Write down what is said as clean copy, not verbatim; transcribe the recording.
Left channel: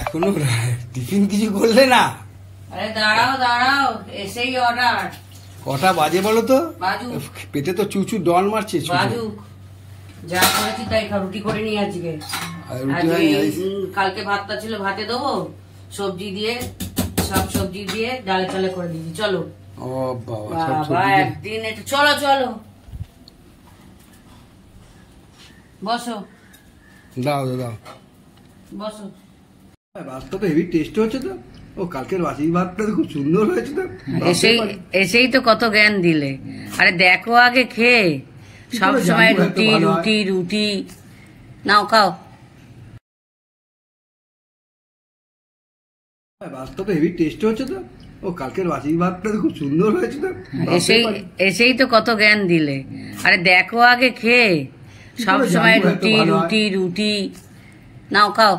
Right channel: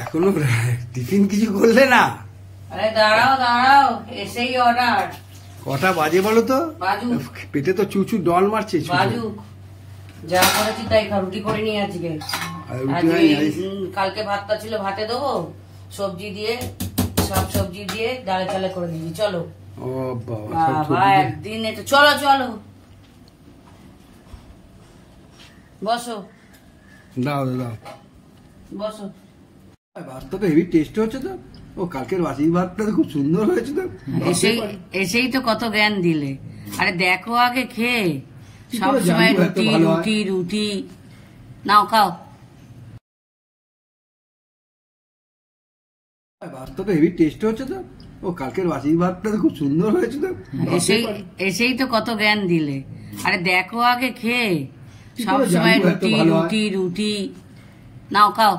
এখনো টিফিন কিছু করলে না? আরে দাঁড়াও দাঁড়াও, এসেই অর্ডার। কটা বাজে বলো তো? বাজুক। পেটে তো চুচু ডল মারছে। বাজুক, যা করেছি তাই রুটি করে নিয়ে আজকে। কালকে ভাতটা ছিল, ভাতে দেবো, সবজি দিয়ে, সব সবজি দিয়ে ডালে চালে করে দিয়েছি। চলো। ও বাবা, একদিন একটু চলো চলো, বসো। দাও দাও বসো। ভাতটা তো হেভি টেস্ট হচ্ছে তো। ও কালকের বাসি ভাতটা খুব সুন্দর হয়েছে তো। এসেই তো কত জ্ঞান দিলে। আরে দেখো আগে খেয়ে, সব সময় রুটি রুটি রুটি। নাও খাও। ভাতটা তো হেভি টেস্ট হচ্ছে তো। ও কালকের বাসি ভাতটা খুব সুন্দর হয়েছে তো। এসেই তো কত জ্ঞান দিলে। আরে দেখো আগে খেয়ে, সব সময় রুটি রুটি রুটি। নাও খাও।